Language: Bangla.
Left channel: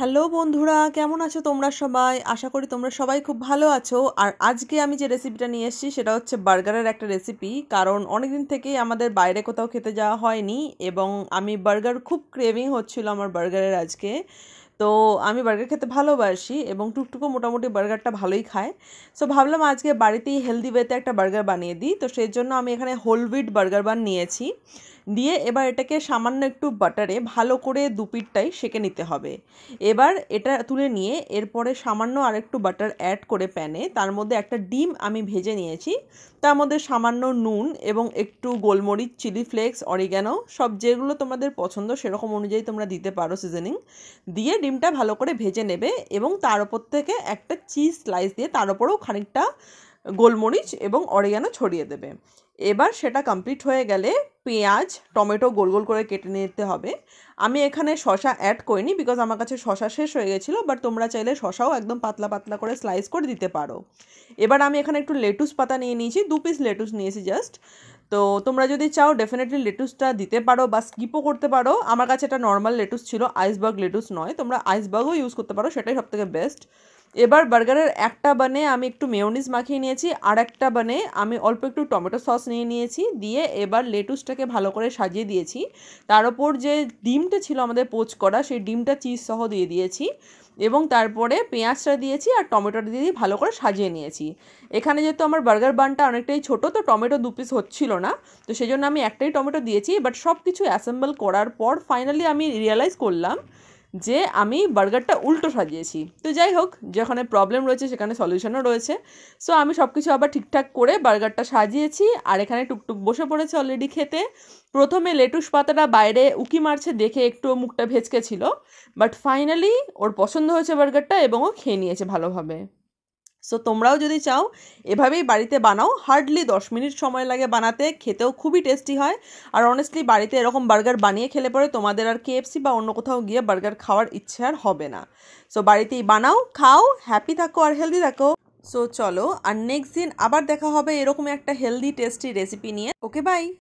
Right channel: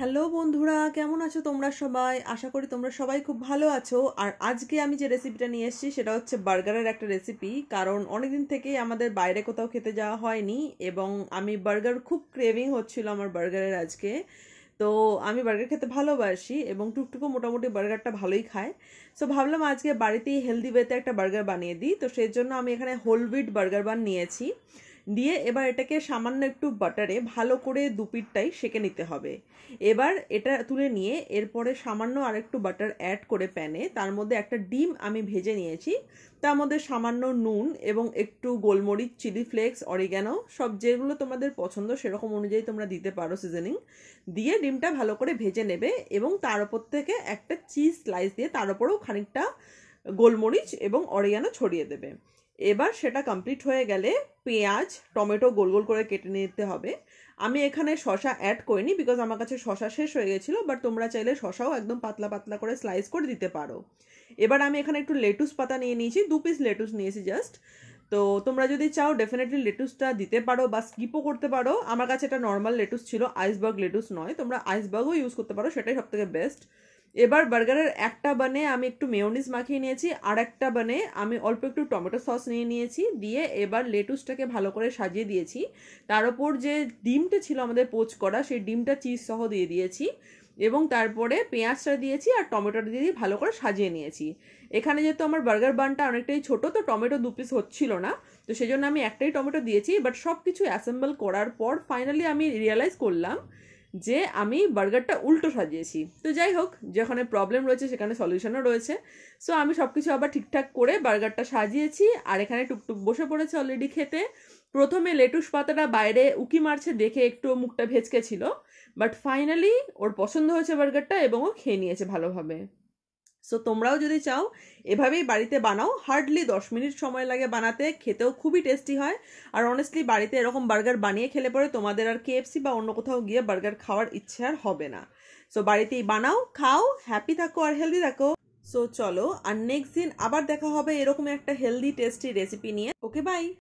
হ্যালো বন্ধুরা, কেমন আছো তোমরা সবাই? আশা করি তোমরা সবাই খুব ভালো আছো। আর আজকে আমি যে রেসিপিটা নিয়ে এসেছি সেটা হচ্ছে বার্গারের একটা রেসিপি। কারণ অনেকদিন থেকেই আমাদের বাইরে কোথাও খেতে যাওয়া হয়নি এবং আমি বার্গার খুব ক্রেভিং হচ্ছিল আমার বার্গারের আজকে। তো আমি বার্গার খেতে ভালোবাসি এবং টুকটুকু মোটামুটি বার্গারটা ভালোই খায়। সো ভাবলাম আজকে বাড়িতেই হেলদি ওয়েতে একটা বার্গার বানিয়ে দিই। তো সেই জন্য আমি এখানে হোল হুইট বার্গার বান নিয়েছি। দিয়ে এবার এটাকে সামান্য একটু বাটারে ভালো করে দুপিঠটাই সেঁকে নিতে হবে। এবার এটা তুলে নিয়ে এরপরে সামান্য আরেকটু বাটার অ্যাড করে প্যানে তার মধ্যে একটা ডিম আমি ভেজে নিয়েছি। তার মধ্যে সামান্য নুন এবং একটু গোলমরিচ, চিলি ফ্লেক্স, অরিগ্যানো সব যেগুলো তোমাদের পছন্দ সেরকম অনুযায়ী তোমরা দিতে পারো সিজনিং দিয়ে ডিমটা ভালো করে ভেজে নেবে এবং তার ওপর থেকে একটা চিজ স্লাইস দিয়ে তার ওপরেও খানিকটা গোলমরিচ এবং অরিগ্যানো ছড়িয়ে দেবে। এবার সেটা কমপ্লিট হয়ে গেলে পেঁয়াজ, টমেটো গোল গোল করে কেটে নিতে হবে। আমি এখানে শসা অ্যাড করিনি বিকজ আমার কাছে শসা শেষ হয়ে গেছিলো, বাট তোমরা চাইলে শসাও একদম পাতলা পাতলা করে স্লাইস করে দিতে পারো। এবার আমি এখানে একটু লেটুস পাতা নিয়ে নিয়েছি, 2 পিস লেটুস নিয়েছি জাস্ট। তো তোমরা যদি চাও ডেফিনেটলি লেটুসটা দিতে পারো বা স্কিপও করতে পারো। আমার কাছে এটা নর্মাল লেটুস ছিল, আইসবার্গ লেটুস নয়। তোমরা আইসবার্গও ইউজ করতে পারো, সেটাই সবথেকে বেস্ট। এবার বার্গারের একটা বানে আমি একটু মেয়োনিজ মাখিয়ে নিয়েছি, আর একটা বানে আমি অল্প একটু টমেটো সস নিয়ে নিয়েছি। দিয়ে এবার লেটুসটাকে ভালো করে সাজিয়ে দিয়েছি। তার ওপর যে ডিমটা ছিল আমাদের পোচ করা, সেই ডিমটা চিজ সহ দিয়ে দিয়েছি এবং তারপরে পেঁয়াজটা দিয়েছি আর টমেটোটা দিয়ে ভালো করে সাজিয়ে নিয়েছি। এখানে যেহেতু আমার বার্গার বানটা অনেকটাই ছোটো, তো টমেটো 2 পিস হচ্ছিল না, তো সেই জন্য আমি একটাই টমেটো দিয়েছি। বাট সব কিছু অ্যাসেম্বল করার পর ফাইনালি আমি রিয়েলাইজ করলাম যে আমি বার্গারটা উল্টো সাজিয়েছি। তো যাই হোক, যেখানে প্রবলেম রয়েছে সেখানে সলিউশনও রয়েছে। সো আমি সব কিছু আবার ঠিকঠাক করে বার্গারটা সাজিয়েছি আর এখানে টুকটুক বসে পড়েছে অলরেডি খেতে। প্রথমে লেটুস পাতাটা বাইরে উকি মারছে দেখে একটু মুখটা ভেচকে ছিল, বাট ফাইনালি ওর পছন্দ হয়েছে বার্গারটা এবং ও খেয়ে নিয়েছে ভালোভাবে। সো তোমরাও যদি চাও এভাবেই বাড়িতে বানাও, হার্ডলি 10 মিনিট সময় লাগে বানাতে, খেতেও খুবই টেস্টি হয়। আর অনেস্টলি বাড়িতে এরকম বার্গার বানিয়ে খেলে পরে তোমাদের আর কেএফসি বা অন্য কোথাও গিয়ে বার্গার খাওয়ার ইচ্ছে আর হবে না। সো বাড়িতেই বানাও, খাও, হ্যাপি থাকো আর হেলদি থাকো। সো চলো, আর নেক্সট দিন আবার দেখা হবে এরকম একটা হেলদি টেস্টি রেসিপি নিয়ে। ওকে, বাই।